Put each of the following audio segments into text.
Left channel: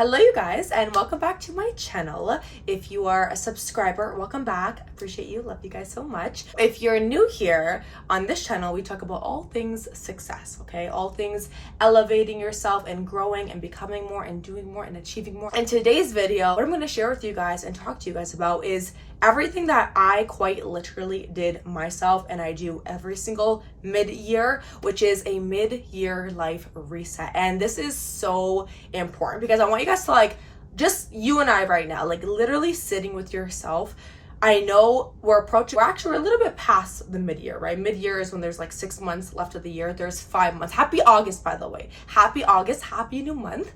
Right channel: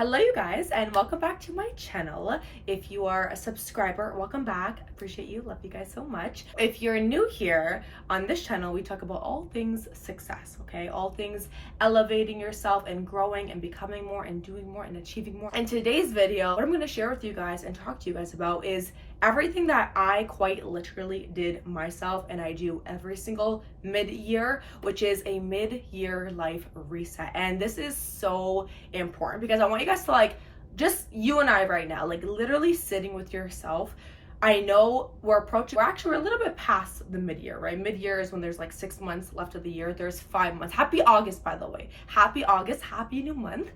Hello you guys, and welcome back to my channel. If you are a subscriber, welcome back. Appreciate you, love you guys so much. If you're new here on this channel, we talk about all things success, okay? All things elevating yourself and growing and becoming more and doing more and achieving more. In today's video, what I'm going to share with you guys and talk to you guys about is everything that I quite literally did myself and I do every single mid-year, which is a mid-year life reset. And this is so important because I want you guys to just you and I right now, literally sitting with yourself. I know we're actually a little bit past the mid-year, right? Mid-year is when there's 6 months left of the year. There's 5 months. Happy August, by the way. Happy August, happy new month.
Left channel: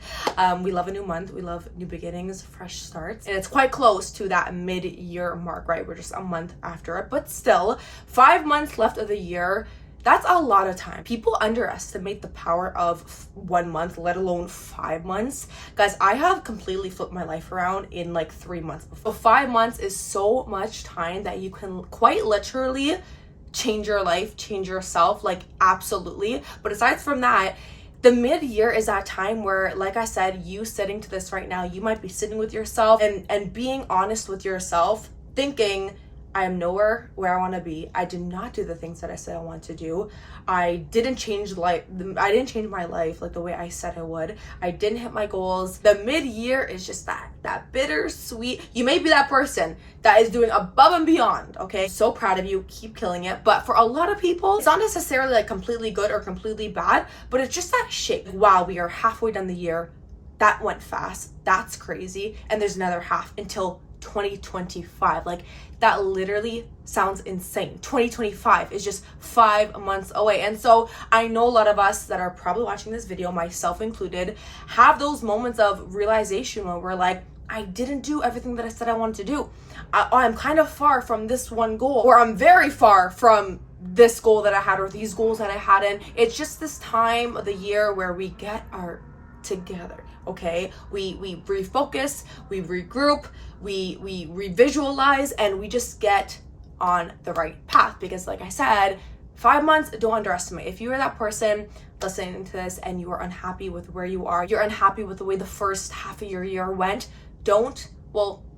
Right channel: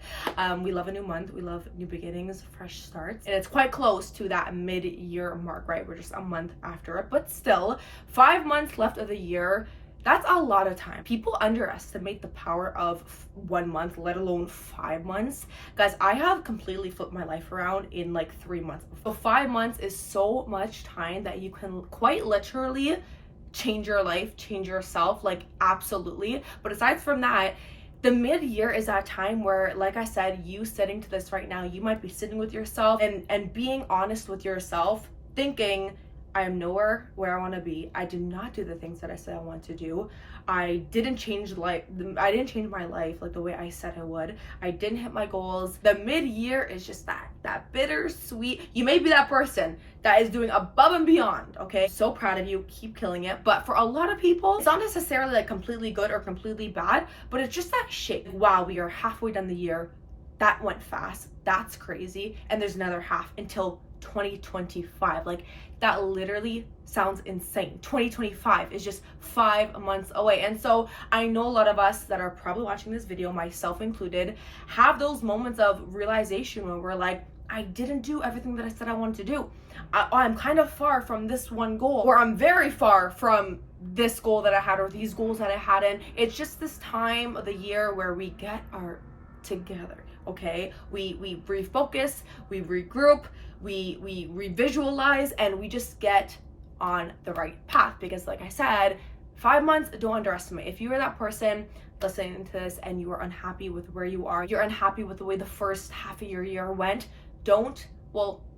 We love a new month. We love new beginnings, fresh starts. And it's quite close to that mid-year mark, right? We're just a month after it, but still 5 months left of the year. That's a lot of time. People underestimate the power of 1 month, let alone 5 months. Guys, I have completely flipped my life around in 3 months. So 5 months is so much time that you can quite literally change your life, change yourself, absolutely. But aside from that, the mid-year is that time where, like I said, you sitting to this right now, you might be sitting with yourself and being honest with yourself, thinking, I am nowhere where I want to be. I did not do the things that I said I wanted to do. I didn't change my life the way I said I would. I didn't hit my goals. The mid-year is just that bittersweet. You may be that person that is doing above and beyond, okay? So proud of you. Keep killing it. But for a lot of people, it's not necessarily completely good or completely bad, but it's just that shake. Wow, we are halfway done the year. That went fast. That's crazy. And there's another half until 2025. That literally sounds insane. 2025 is just 5 months away. And so I know a lot of us that are probably watching this video, myself included, have those moments of realization where we're I didn't do everything that I said I wanted to do. I'm kind of far from this one goal, or I'm very far from this goal that I had, or these goals that I had. And it's just this time of the year where we get our together, okay? We refocus, we regroup, we revisualize, and we just get on the right path. Because like I said, 5 months, don't underestimate. If you are that person listening to this and you are unhappy with where you are, you're unhappy with the way the first half of your year went,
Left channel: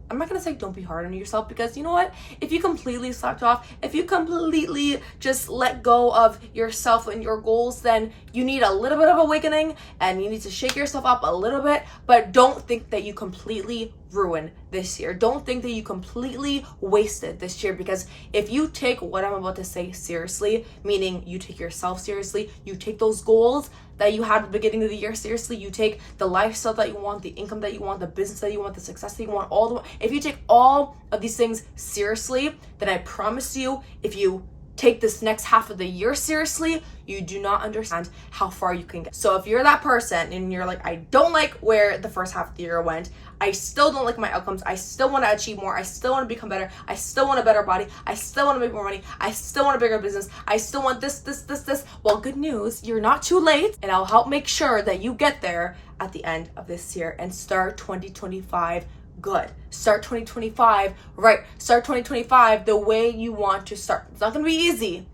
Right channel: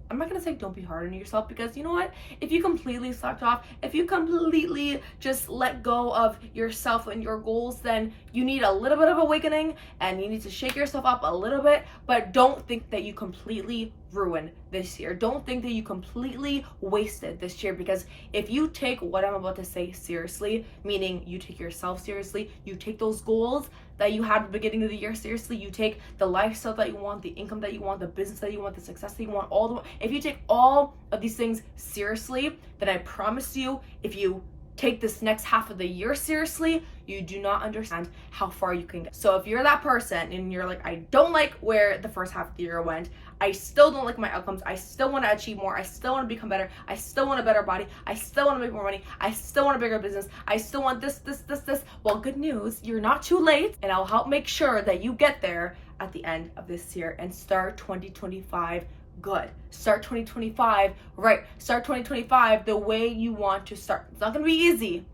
I'm not going to say don't be hard on yourself, because you know what? If you completely slacked off, if you completely just let go of yourself and your goals, then you need a little bit of awakening and you need to shake yourself up a little bit. But don't think that you completely ruined this year. Don't think that you completely wasted this year, because if you take what I'm about to say seriously, meaning you take yourself seriously, you take those goals that you had at the beginning of the year seriously, you take the lifestyle that you want, the income that you want, the business that you want, the success that you want, if you take all of these things seriously, then I promise you, if you take this next half of the year seriously, you do not understand how far you can get. So if you're that person and you're I don't like where the first half of the year went, I still don't like my outcomes, I still want to achieve more, I still want to become better, I still want a better body, I still want to make more money, I still want a bigger business, I still want this. Well, good news, you're not too late, and I'll help make sure that you get there at the end of this year and start 2025 good. Start 2025 right. Start 2025 the way you want to start. It's not going to be easy.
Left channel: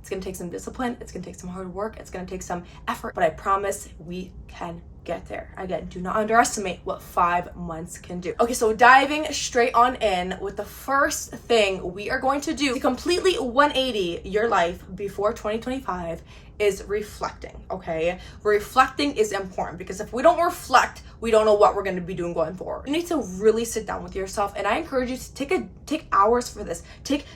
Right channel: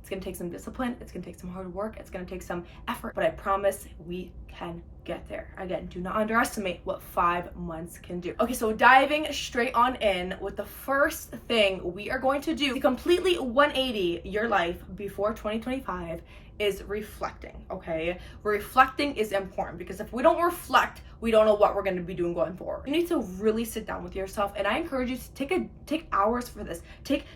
It's going to take some discipline. It's going to take some hard work. It's going to take some effort, but I promise we can get there. Again, do not underestimate what 5 months can do. Okay, so diving straight on in with the first thing we are going to do to completely 180 your life before 2025 is reflecting, okay? Reflecting is important, because if we don't reflect, we don't know what we're going to be doing going forward. You need to really sit down with yourself, and I encourage you to take hours for this.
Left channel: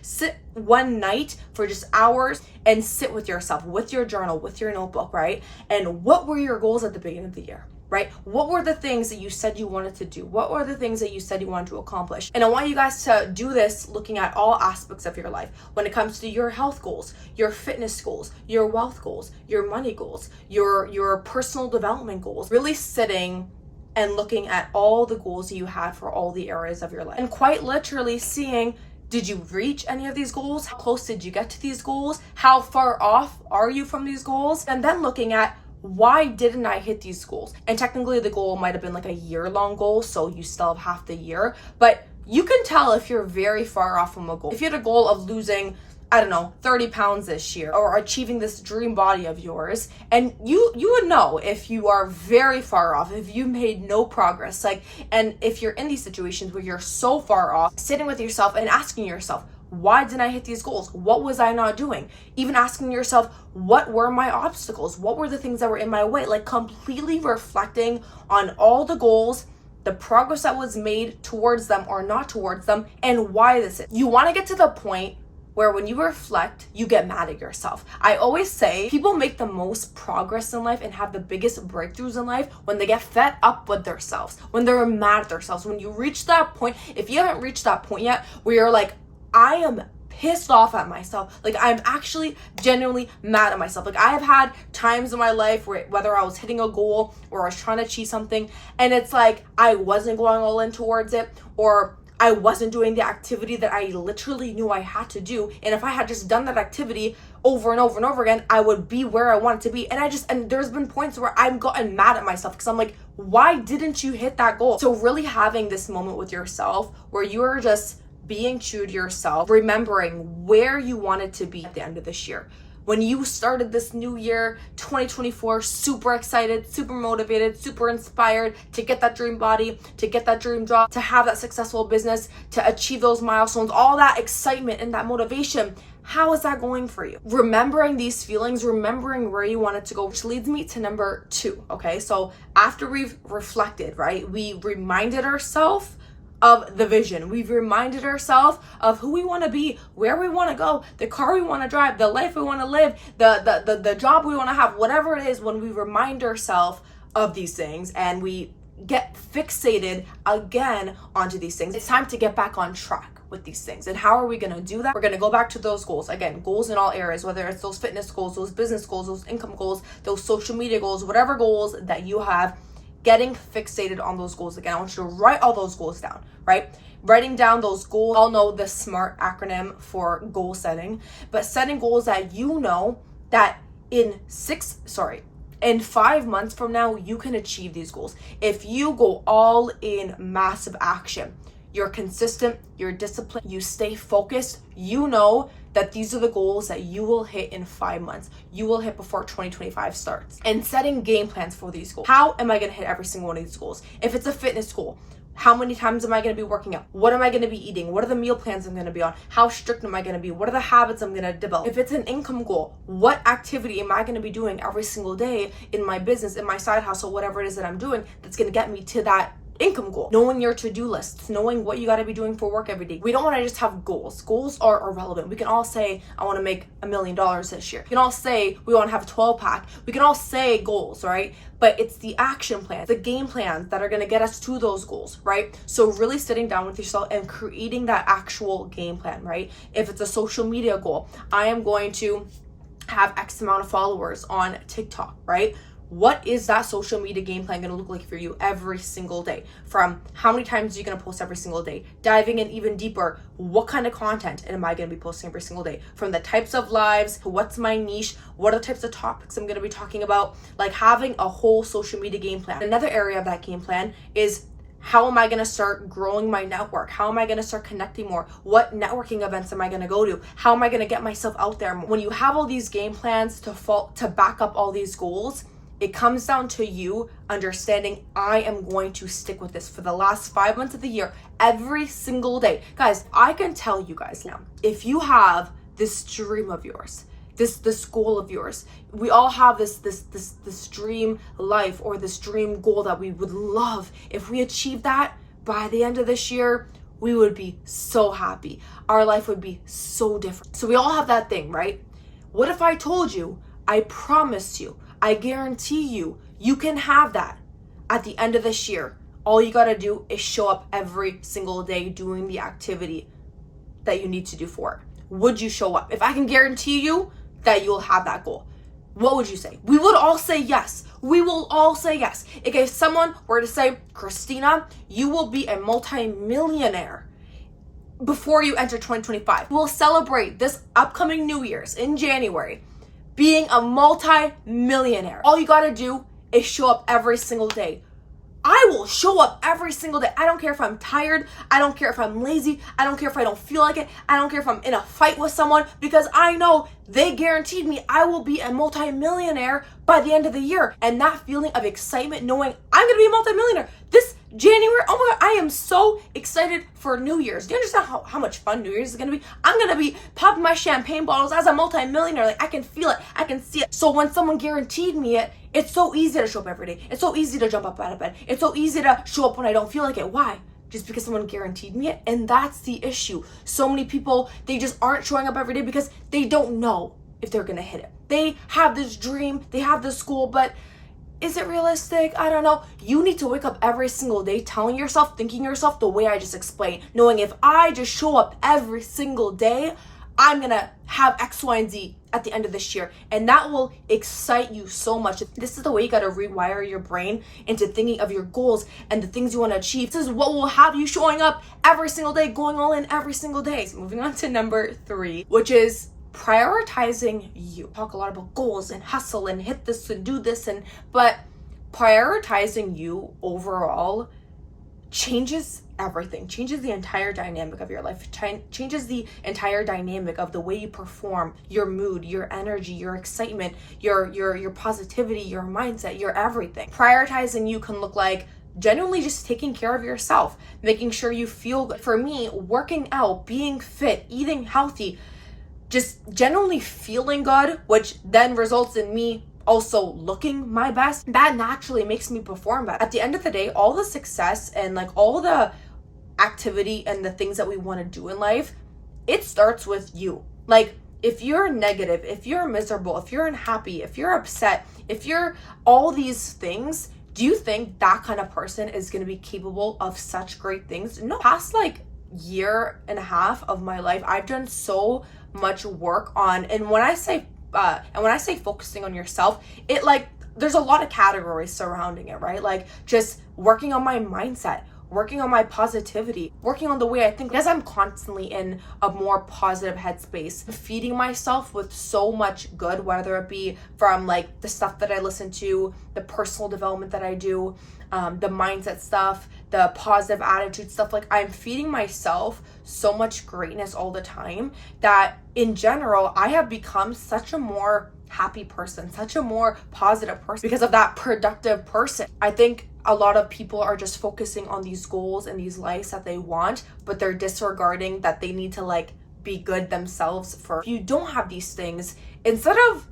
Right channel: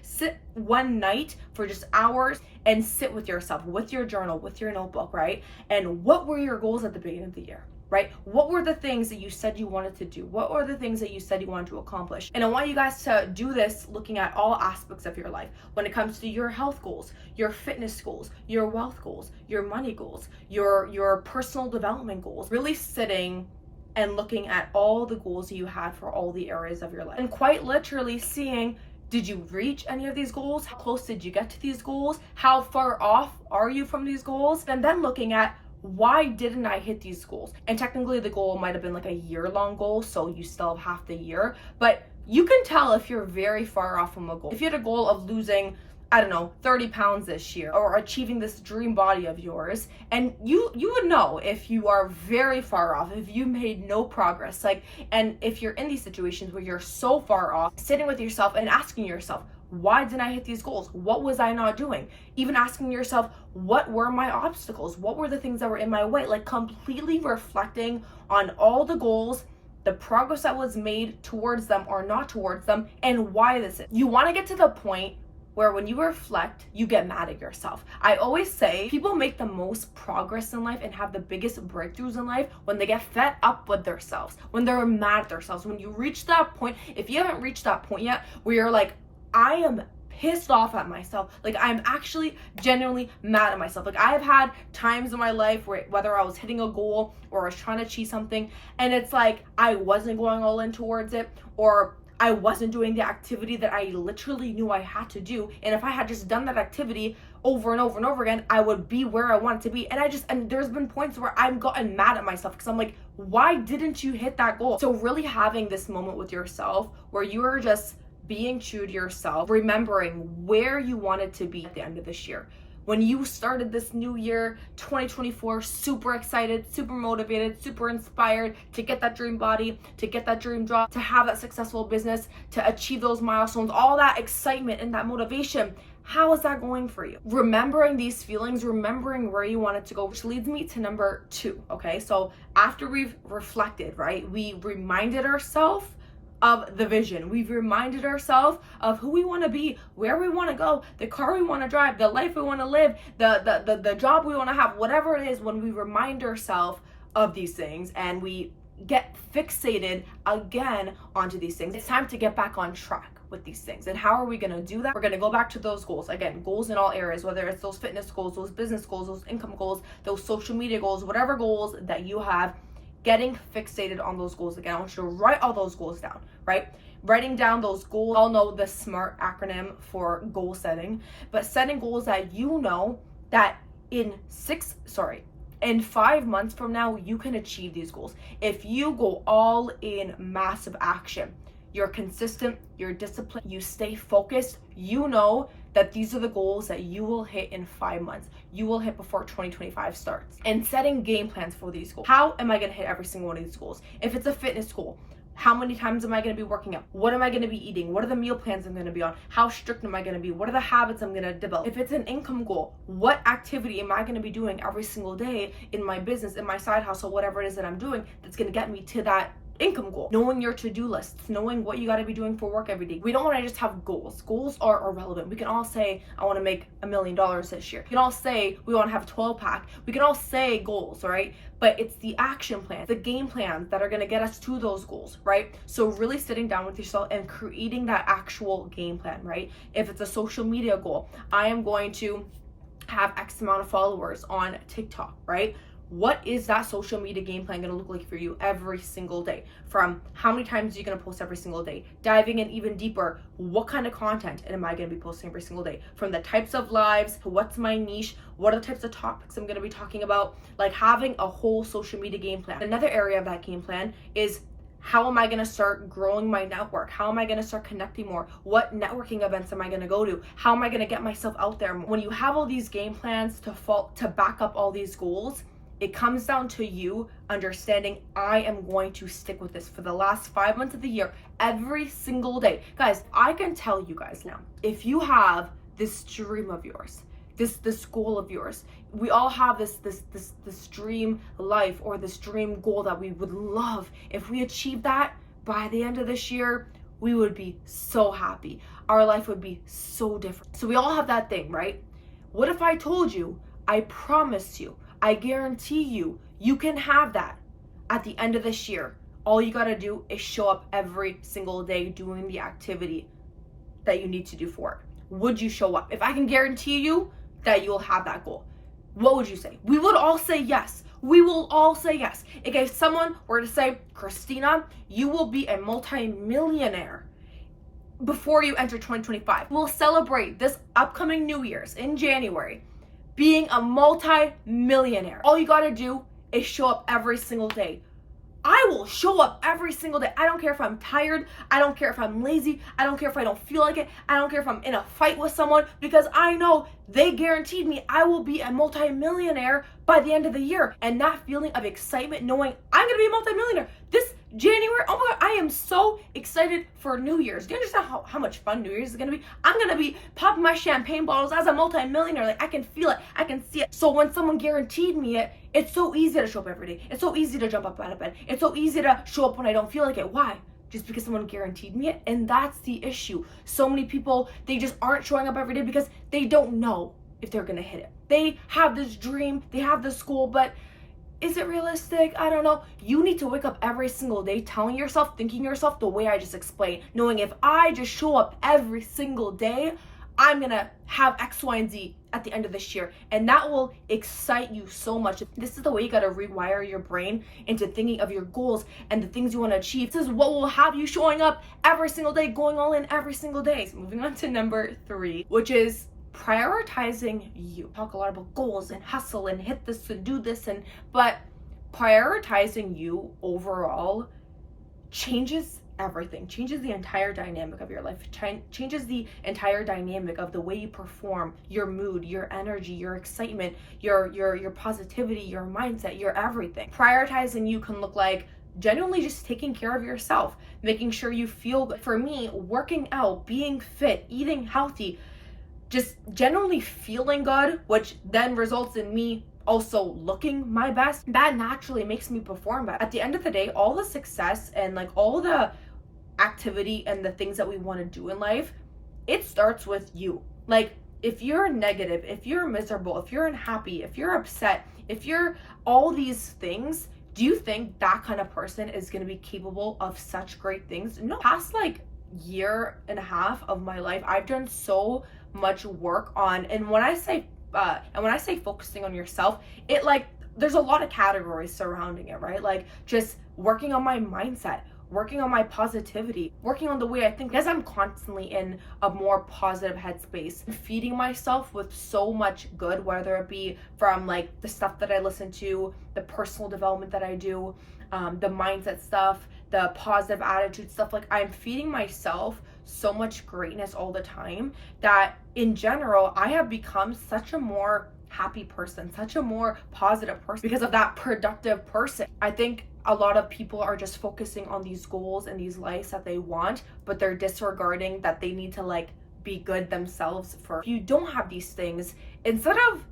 Sit one night for just hours and sit with yourself, with your journal, with your notebook, right? And what were your goals at the beginning of the year? Right? What were the things that you said you wanted to do? What were the things that you said you wanted to accomplish? And I want you guys to do this looking at all aspects of your life. When it comes to your health goals, your fitness goals, your wealth goals, your money goals, your personal development goals, really sitting and looking at all the goals you had for all the areas of your life. And quite literally seeing, did you reach any of these goals? How close did you get to these goals? How far off are you from these goals? And then looking at, why didn't I hit these goals? And technically the goal might have been a year-long goal, so you still have half the year, but you can tell if you're very far off from a goal. If you had a goal of losing I don't know, 30 pounds this year, or achieving this dream body of yours. And you would know if you are very far off, if you made no progress. Like, and if you're in these situations where you're so far off, sitting with yourself and asking yourself, why didn't I hit these goals? What was I not doing? Even asking yourself, what were my obstacles? What were the things that were in my way? Like, completely reflecting on all the goals, the progress that was made towards them or not towards them, and why this is. You want to get to the point where when you reflect, you get mad at yourself. I always say people make the most progress in life and have the biggest breakthroughs in life when they get fed up with themselves, when they're mad at themselves. When you reach that point, if you haven't reached that point yet, where you're like, I am pissed off at myself. Like, I'm actually genuinely mad at myself. Like, I have had times in my life where whether I was hitting a goal or I was trying to achieve something, and it's like I wasn't going all in towards it, or I wasn't doing the activity that I literally knew I had to do. And if I had just done that activity over and over and over again, I would be where I wanted to be. And there's been points where I've gotten mad at myself because I'm like, why didn't you hit that goal? So really having this moment with yourself where you are just being true to yourself, remembering where you wanted to be at the end of this year. When you started this new year, 2024, super excited, super motivated, super inspired to get that dream body, to get that dream job, to have that successful business, to achieve those milestones, all that excitement and that motivation. How is that going for you? Remembering these feelings, remembering where you wanted to go, which leads me to number 2, okay? So after we've reflected, right, we reminded ourselves of the vision. We've reminded ourselves of who we want to be, where we want to go, the car we want to drive, the life we want to live, the job we want to have, whatever it is. When we remind ourselves of these things and we get fixated again onto these things, it's time to get back on track with these things. And how are we going to do that? We're going to go back to those goals. Again, goals in all areas, whether it's those fitness goals, those business goals, those income goals, those social media goals, whatever goals that you have. Getting fixated on those goals again. I want you to write all those goals down, right? Writing down those goals. I'll know the SMART acronym for goal setting, but setting goals that you know that in 5 months from now, you can achieve these goals. If you go all in massive action, you're consistent, you're disciplined, you stay focused, you know that these are the goals that you will hit in 5 months. You will hit before 2025 starts. And setting game plans for these goals. How am I gonna hit every single one of these goals? If it's a fitness goal, how many times am I gonna be working out? What am I gonna be eating? What are the meal plans I'm gonna be on? How strict am I gonna be? What are the habits I'm gonna develop? If it's an income goal, what activity am I gonna be doing every single day in my business, in my side hustle, whatever it is that I'm doing that's gonna get me to that income goal? Knowing your to-do lists, knowing what you got to be doing for work every day. We don't want to just have goals. Goals are irrelevant. We can all say, I want to make $1 million this year. We can all say we want to have a 12-pack. We can all say goals, right? But it's the action plans, the game plans that are going to get us to those goals, right? So really sitting down with yourself and creating that actual game plan, right? If it's a social media goal, I am going to have X amount of followers on TikTok, right? What is that social media game plan going to look like for you every single day? From how many times are you going to post every single day? Diving in even deeper, what kind of content am I going to be posting every single day? From the types of lives, what's my niche? What are the types of topics I'm going to be talking about? Like having a whole social media game plan. Another area of that game plan is, how am I going to start growing my network? How am I going to start connecting more? What networking events am I going to go to? How am I going to get myself out there more? When you have all these game plans to back up all these goals, it comes down to you understanding, I am going to stick with this for the last 5 months of the year, every single day. Guys, I can tell you guys now, if you have this dream of yours, this goal of yours, we all have this dream life or this dream goal that we would love. If we achieve that by the end of this year, we would be so happy. Our life would be so different. So we all have that thing, right? What if I told you, I promise you, I guarantee you, you can have that at the end of this year. All you gotta do is show up every single day doing the activity that you need to do for it. Would you show up? If I can guarantee you that you'll have that goal, what would you say? We would all say yes. We will all say yes. If someone were to say, Christina, you will be a multi-millionaire before you enter 2025. We'll celebrate this upcoming New Year's in January being a multi-millionaire. All you gotta do is show up every single day. I will show up every single day. I don't care if I'm tired. I don't care if I'm lazy. I don't care if I don't feel like it. I don't care if I'm in a fight with someone, because I know they guaranteed me I will be a multimillionaire by the end of the year. And that feeling of excitement, knowing I'm going to be a multimillionaire this January. Oh my God, I am so excited for New Year's. Do you understand how much fun New Year's is going to be? I'm going to be popping my champagne bottles as a multimillionaire. Like, I can feel it. I can see it. So when someone guaranteed me it, it's so easy to show up every day. It's so easy to jump up out of bed. It's so easy to show up when I don't feel like it. Why? Just because someone guaranteed me it. And that's the issue. So many people, they just aren't showing up every day because they don't know if they're going to hit it. They have this dream, they have this goal, but is it realistic? I don't know. You need to wake up every single day telling yourself, thinking yourself the way I just explained, knowing if I just show up every single day, I'm gonna have X, Y, and Z at the end of this year. And that will excite you so much. This is the way you gotta rewire your brain into thinking of your goals and the things you wanna achieve. This is what will have you showing up every single day, going all in every single day. So moving on to number 3, which is prioritizing you. Talk a lot about goals and hustle and hit this and do this, but prioritizing you overall changes everything, changes the entire dynamic of your life, changes the entire dynamic of the way you perform, your mood, your energy, your excitement, your positivity, your mindset, your everything. Prioritizing you can look like genuinely just taking care of yourself, making sure you feel good. For me, working out, being fit, eating healthy, just generally feeling good, which then results in me also looking my best, that naturally makes me perform better. At the end of the day, all the success and like all the activity and the things that we want to do in life, it starts with you. Like, if you're negative, if you're miserable, if you're unhappy, if you're upset, if you're all these things, do you think that kind of person is going to be capable of such great things? No. Past like year and a half of my life, I've done so much work on, and when I say focusing on yourself, it like there's a lot of categories surrounding it, right? Like just working on my mindset, working on my positivity, working on the way I think, because I'm constantly in a more positive headspace, feeding myself with so much good, whether it be from like the stuff that I listen to, the personal development that I do, the mindset stuff, the positive attitude stuff. Like, I'm feeding myself so much greatness all the time that in general, I have become such a more happy person, such a more positive person because of that productive person. I think a lot of people are just focusing on these goals and these lives that they want, but they're disregarding that they need to like be good themselves first. If you don't have these things, instead of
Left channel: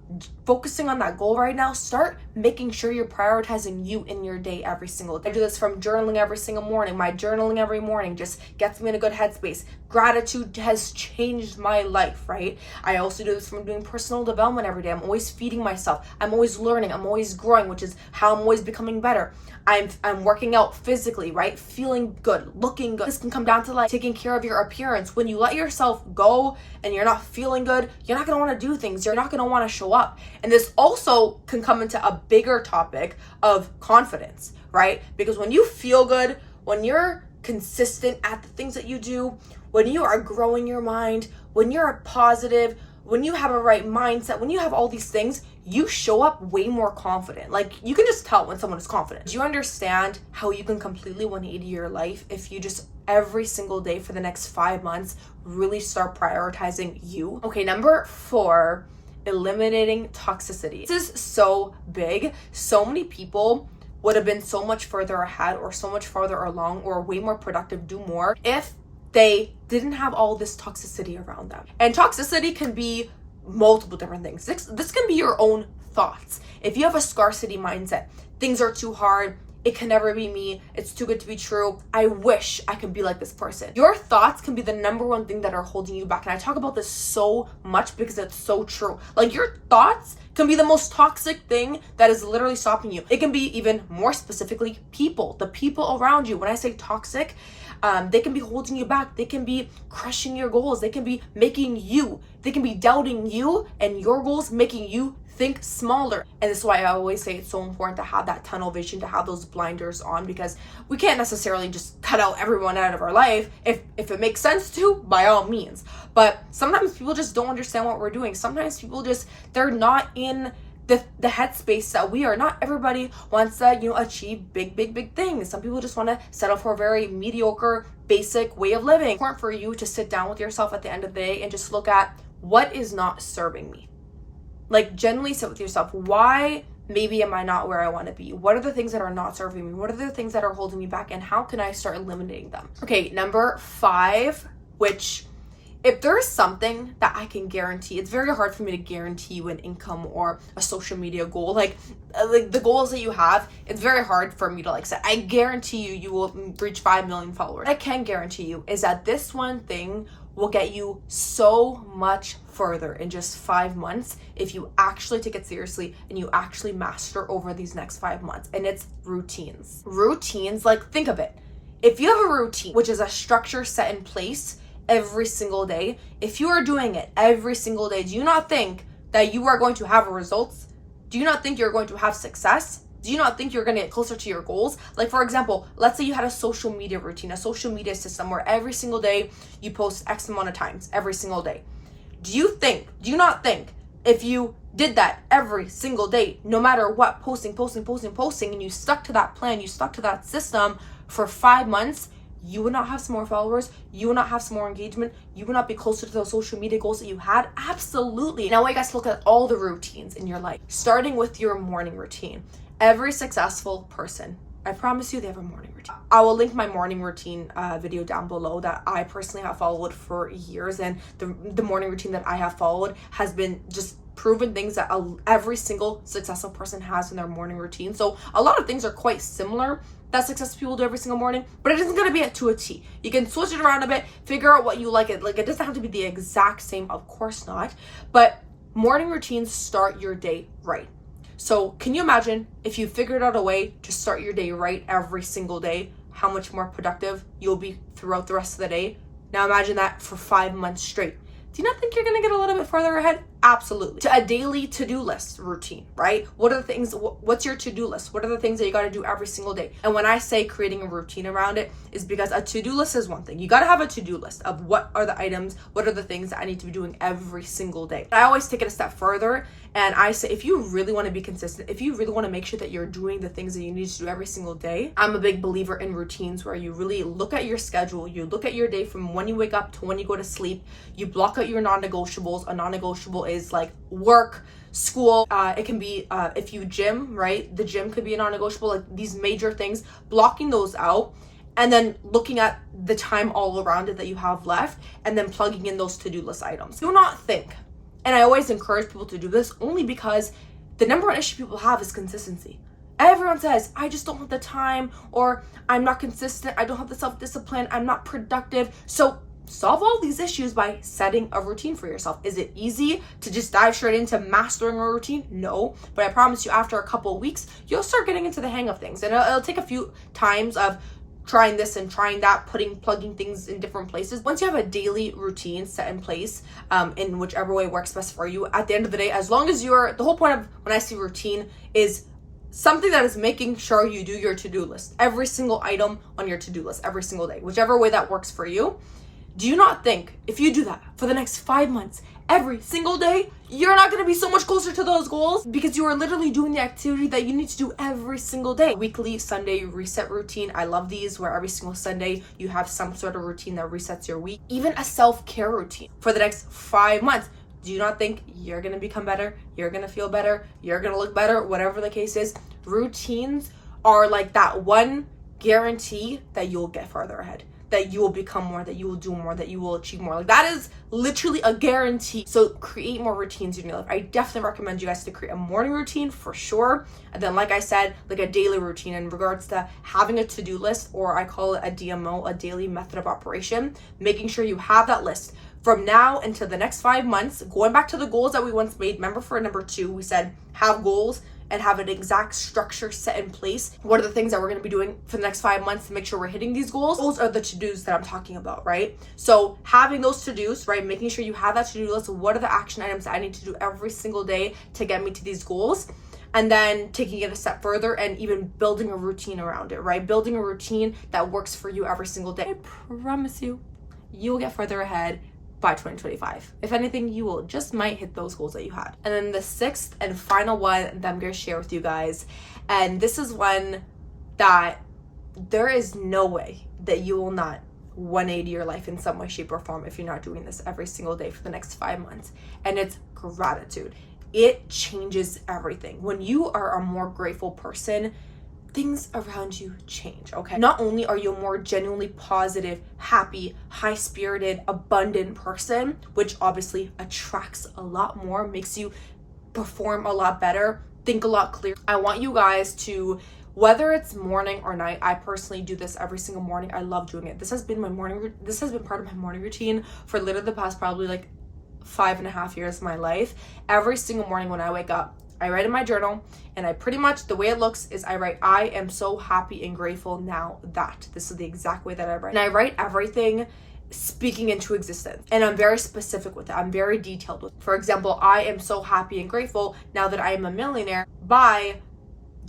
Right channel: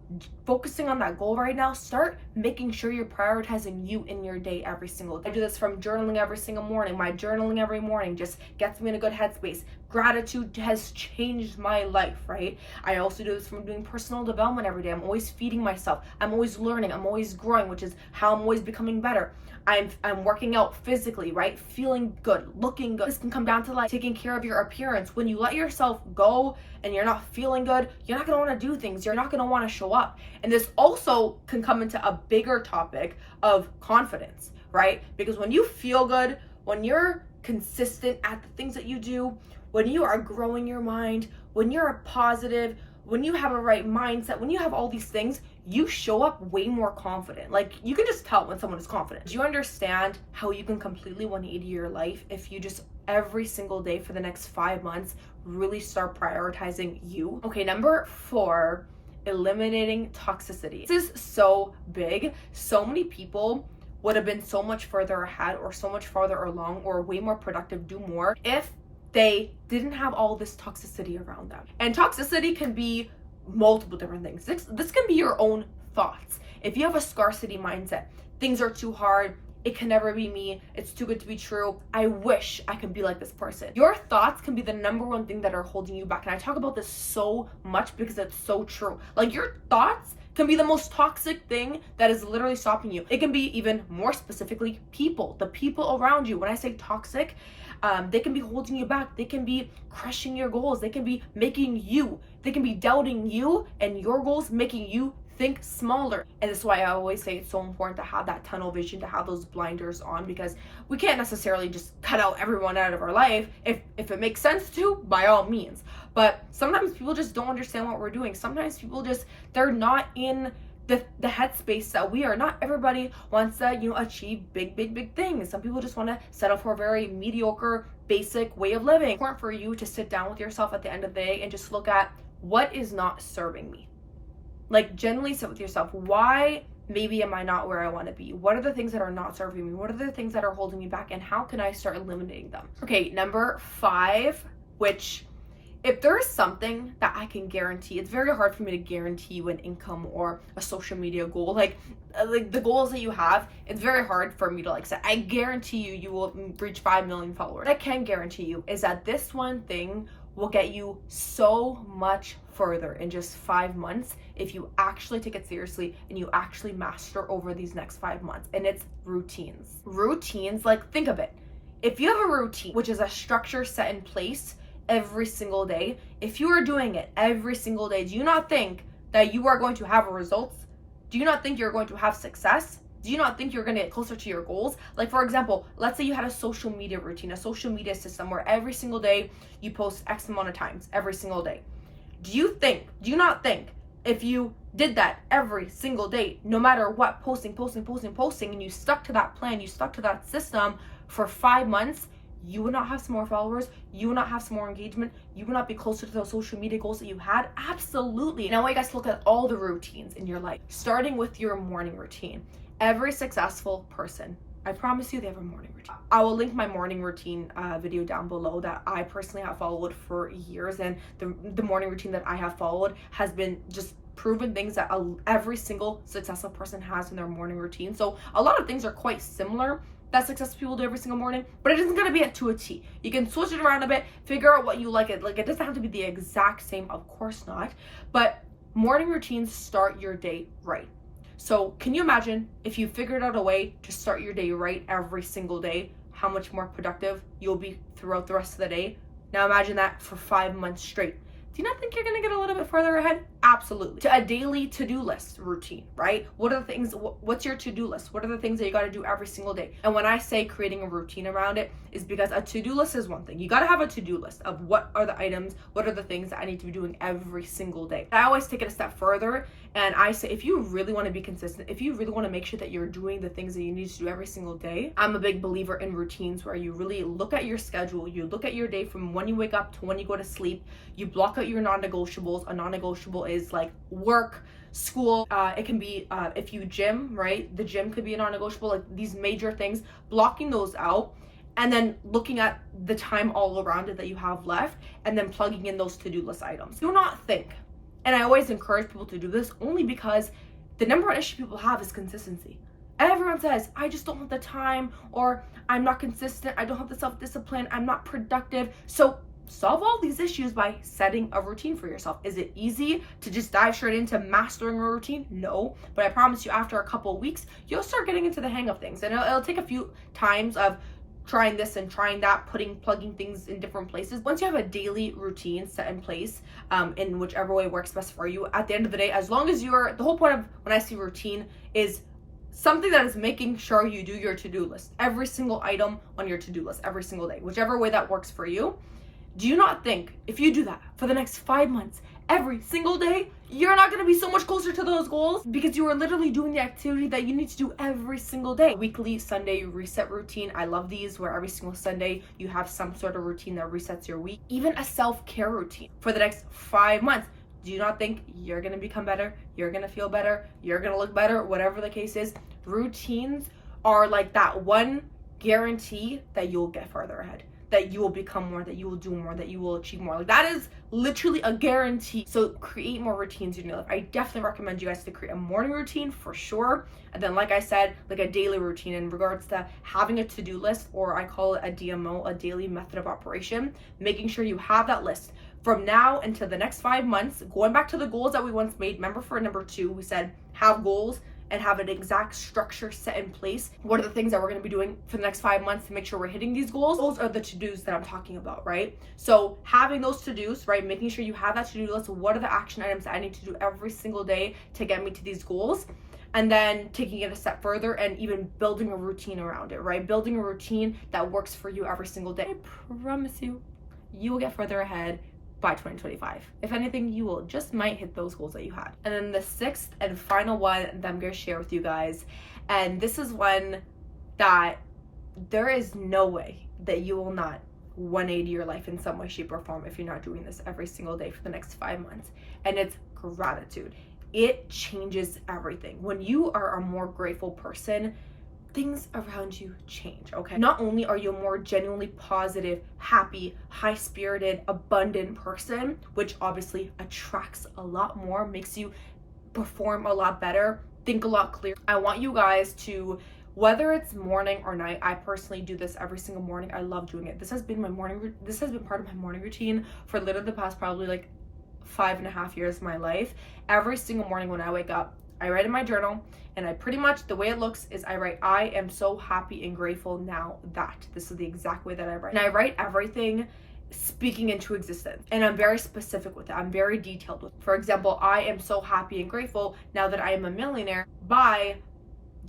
focusing on that goal right now, start making sure you're prioritizing you in your day every single day. I do this from journaling every single morning. My journaling every morning just gets me in a good headspace. Gratitude has changed my life, right? I also do this from doing personal development every day. I'm always feeding myself. I'm always learning. I'm always growing, which is how I'm always becoming better. I'm working out physically, right? Feeling good, looking good. This can come down to like taking care of your appearance. When you let yourself go and you're not feeling good, you're not going to want to do things. You're not going to want to show up. And this also can come into a bigger topic of confidence, right? Because when you feel good, when you're consistent at the things that you do, when you are growing your mind, when you're positive, when you have a right mindset, when you have all these things, you show up way more confident. Like, you can just tell when someone is confident. Do you understand how you can completely 180 your life if you just every single day for the next 5 months really start prioritizing you? Okay, number 4, eliminating toxicity. This is so big. So many people would have been so much further ahead or so much farther along or way more productive, do more, if they didn't have all this toxicity around them. And toxicity can be multiple different things. This can be your own thoughts. If you have a scarcity mindset, things are too hard, it can never be me, it's too good to be true, I wish I could be like this person. Your thoughts can be the number one thing that are holding you back. And I talk about this so much because it's so true. Like, your thoughts can be the most toxic thing that is literally stopping you. It can be even more specifically people, the people around you. When I say toxic, they can be holding you back. They can be crushing your goals. They can be they can be doubting you and your goals, making you think smaller. And this is why I always say it's so important to have that tunnel vision, to have those blinders on, because we can't necessarily just cut out everyone out of our life. If it makes sense to, by all means. But sometimes people just don't understand what we're doing. Sometimes people they're not in the headspace that we are. Not everybody wants to, achieve big things. Some people just want to settle for a very mediocre, basic way of living. It's important for you to sit down with yourself at the end of the day and just look at what is not serving me. Like, genuinely sit with yourself. Why maybe am I not where I want to be? What are the things that are not serving me? What are the things that are holding me back? And how can I start eliminating them? Okay, number 5, which if there's something that I can guarantee, it's very hard for me to guarantee you an income or a social media goal. Like the goals that you have, it's very hard for me to say, I guarantee you will reach 5 million followers. What I can guarantee you is that this one thing will get you so much further in just 5 months if you actually take it seriously and you actually master over these next 5 months. And it's routines. Routines, like, think of it. If you have a routine, which is a structure set in place every single day, if you are doing it every single day, do you not think that you are going to have results? Do you not think you're going to have success? Do you not think you're going to get closer to your goals? Like, for example, let's say you had a social media routine, a social media system where every single day you post X amount of times every single day. Do you not think if you did that every single day, no matter what, posting, and you stuck to that plan, you stuck to that system for 5 months, you would not have some more followers, you would not have some more engagement, you would not be closer to those social media goals that you had? Absolutely. Now I want you guys to look at all the routines in your life, starting with your morning routine. Every successful person, I promise you, they have a morning routine. I will link my morning routine video down below that I personally have followed for years, and the morning routine that I have followed has been just proven things that every single successful person has in their morning routine. So a lot of things are quite similar that successful people do every single morning, but it isn't going to be to a T. You can switch it around a bit, figure out what you like. It doesn't have to be the exact same, of course not, but morning routines start your day right. So can you imagine if you figured out a way to start your day right every single day, how much more productive you'll be throughout the rest of the day? Now imagine that for 5 months straight. Do you not think you're going to get a little bit further ahead? Absolutely. To a daily to-do list routine, right? What are the things, what's your to-do list? What are the things that you got to do every single day? And when I say creating a routine around it, is because a to-do list is one thing. You got to have a to-do list of what are the items, what are the things that I need to be doing every single day. I always take it a step further, and I say, if you really want to be consistent, if you really want to make sure that you're doing the things that you need to do every single day, I'm a big believer in routines where you really look at your schedule, you look at your day from when you wake up to when you go to sleep, you block out your non-negotiables. A non-negotiable is like work, school, it can be if you gym, right? The gym could be a non-negotiable, like these major things, blocking those out. And then looking at the time all around it that you have left, and then plugging in those to-do list items. Do not think, and I always encourage people to do this only because the number one issue people have is consistency. Everyone says, I just don't have the time, or I'm not consistent, I don't have the self-discipline, I'm not productive. So solve all these issues by setting a routine for yourself. Is it easy to just dive straight into mastering a routine? No, but I promise you after a couple of weeks, you'll start getting into the hang of things. And it'll take a few times of trying this and trying that, plugging things in different places. Once you have a daily routine set in place, in whichever way works best for you, at the end of the day, as long as the whole point of when I see routine is something that is making sure you do your to-do list, every single item on your to-do list, every single day, whichever way that works for you. Do you not think if you do that for the next 5 months, every single day, you're not going to be so much closer to those goals because you are literally doing the activity that you need to do every single day? Weekly Sunday reset routine. I love these where every single Sunday you have some sort of routine that resets your week. Even a self-care routine for the next 5 months. Do you not think you're going to become better? You're going to feel better. You're going to look better, whatever the case is. Routines are like that one guarantee that you'll get further ahead, that you will become more, that you will do more, that you will achieve more. Like, that is literally a guarantee. So create more routines in your life. I definitely recommend you guys to create a morning routine for sure. And then, like I said, like a daily routine in regards to having a to-do list, or I call it a DMO, a daily method of operation, making sure you have that list from now until the next 5 months, going back to the goals that we once made. Remember, for number 2, we said have goals and have an exact structure set in place. What are the things that we're going to be doing for the next 5 months to make sure we're hitting these goals? Those are the to-dos that I'm talking about, right? So having those to-dos, right? Making sure you have that to-do list. What are the action items that I need to do every single day to get me to these goals? And then taking it a step further and even building a routine around it, right? Building a routine that works for you every single day. I promise you, you will get further ahead by 2025. If anything, you will just might hit those goals that you had. And then the sixth and final one that I'm going to share with you guys, and this is one that there is no way that you will not 180 your life in some way, shape, or form if you're not doing this every single day for the next 5 months. And it's gratitude. It changes everything. When you are a more grateful person, things around you change, okay? Not only are you a more genuinely positive, happy, high-spirited, abundant person, which obviously attracts a lot more, makes you perform a lot better, think a lot clearer. I want you guys to, whether it's morning or night, I personally do this every single morning. I love doing it. This has been part of my morning routine for literally the past probably like 5.5 years of my life. Every single morning when I wake up, I write in my journal, and I pretty much, the way it looks is I write, I am so happy and grateful now that. This is the exact way that I write. And I write everything speaking into existence. And I'm very specific with it. I'm very detailed with it. For example, I am so happy and grateful now that I am a millionaire by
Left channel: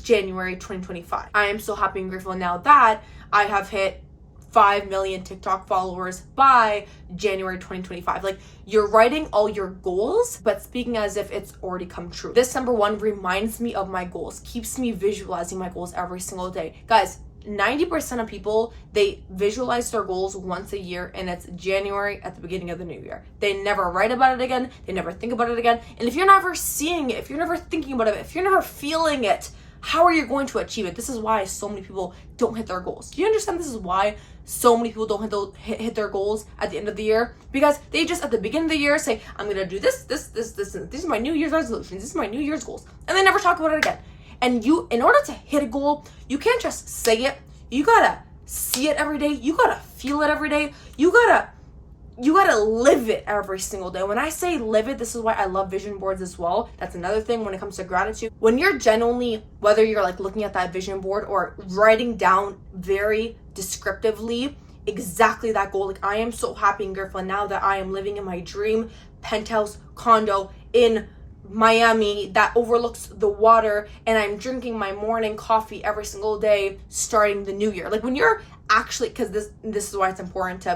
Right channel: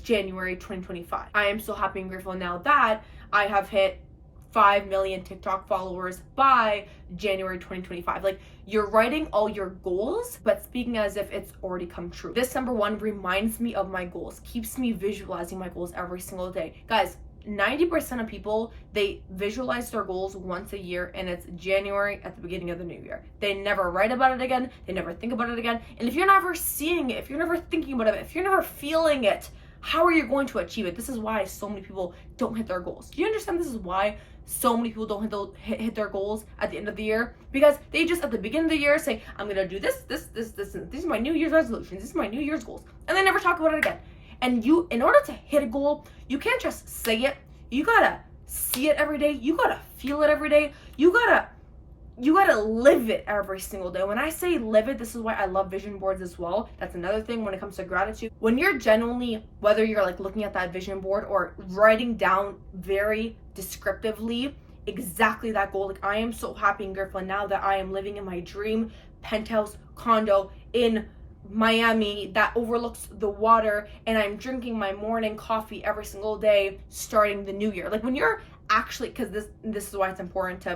January 2025. I am so happy and grateful now that I have hit 5 million TikTok followers by January 2025. Like, you're writing all your goals, but speaking as if it's already come true. This number one reminds me of my goals, keeps me visualizing my goals every single day. Guys, 90% of people, they visualize their goals once a year, and it's January at the beginning of the new year. They never write about it again. They never think about it again. And if you're never seeing it, if you're never thinking about it, if you're never feeling it, how are you going to achieve it? This is why so many people don't hit their goals. Do you understand this is why so many people don't hit their goals at the end of the year? Because they just at the beginning of the year say, I'm gonna do this, and these are my New Year's resolutions, this is my New Year's goals, and they never talk about it again. And you, in order to hit a goal, you can't just say it. You gotta see it every day. You gotta feel it every day. You gotta live it every single day. When I say live it, this is why I love vision boards as well. That's another thing when it comes to gratitude. When you're genuinely, whether you're like looking at that vision board or writing down very descriptively exactly that goal, like I am so happy and grateful now that I am living in my dream penthouse condo in Miami that overlooks the water, and I'm drinking my morning coffee every single day starting the new year. Like, when you're actually, because this is why it's important to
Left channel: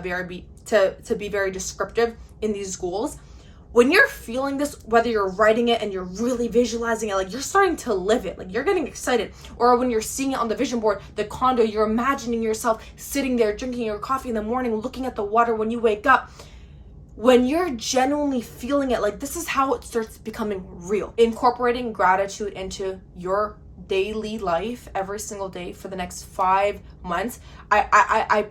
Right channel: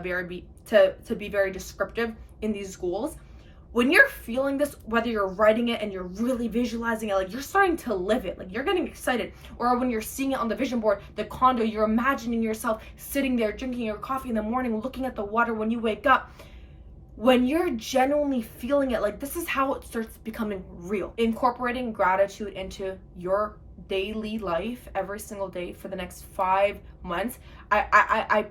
be very descriptive in these goals. When you're feeling this, whether you're writing it and you're really visualizing it, like you're starting to live it, like you're getting excited. Or when you're seeing it on the vision board, the condo, you're imagining yourself sitting there drinking your coffee in the morning, looking at the water when you wake up. When you're genuinely feeling it, like this is how it starts becoming real. Incorporating gratitude into your daily life every single day for the next 5 months. I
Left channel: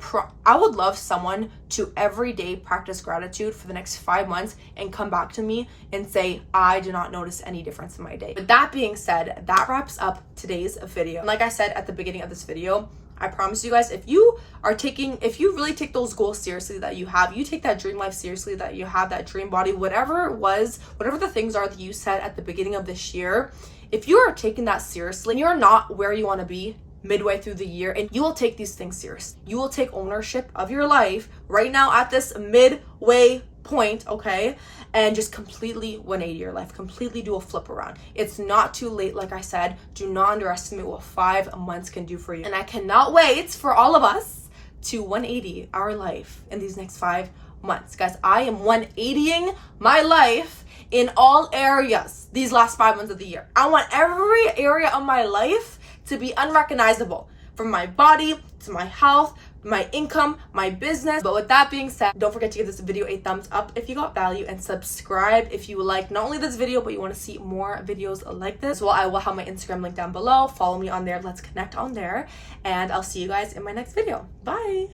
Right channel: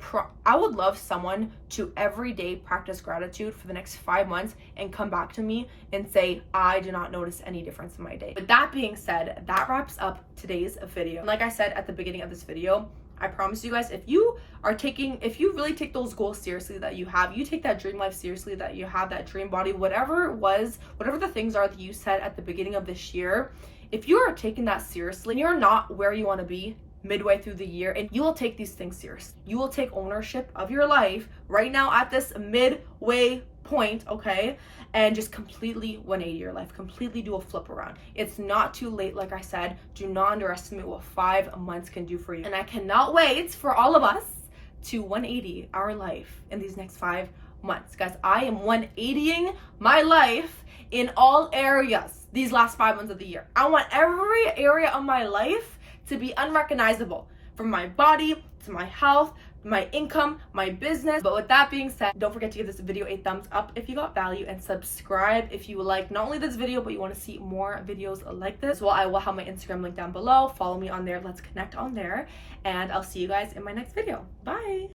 would love someone to every day practice gratitude for the next 5 months and come back to me and say, I do not notice any difference in my day. With that being said, that wraps up today's video. And like I said at the beginning of this video, I promise you guys, if you really take those goals seriously that you have, you take that dream life seriously that you have, that dream body, whatever the things are that you said at the beginning of this year, if you are taking that seriously, you're not where you want to be midway through the year, and you will take these things serious. You will take ownership of your life right now at this midway point, okay? And just completely 180 your life, completely do a flip around. It's not too late. Like I said, do not underestimate what 5 months can do for you. And I cannot wait for all of us to 180 our life in these next 5 months. Guys, I am 180ing my life in all areas these last 5 months of the year. I want every area of my life to be unrecognizable, from my body to my health, my income, my business. But with that being said, don't forget to give this video a thumbs up if you got value, and subscribe if you like not only this video, but you want to see more videos like this. Well, I will have my Instagram link down below. Follow me on there. Let's connect on there. And I'll see you guys in my next video. Bye.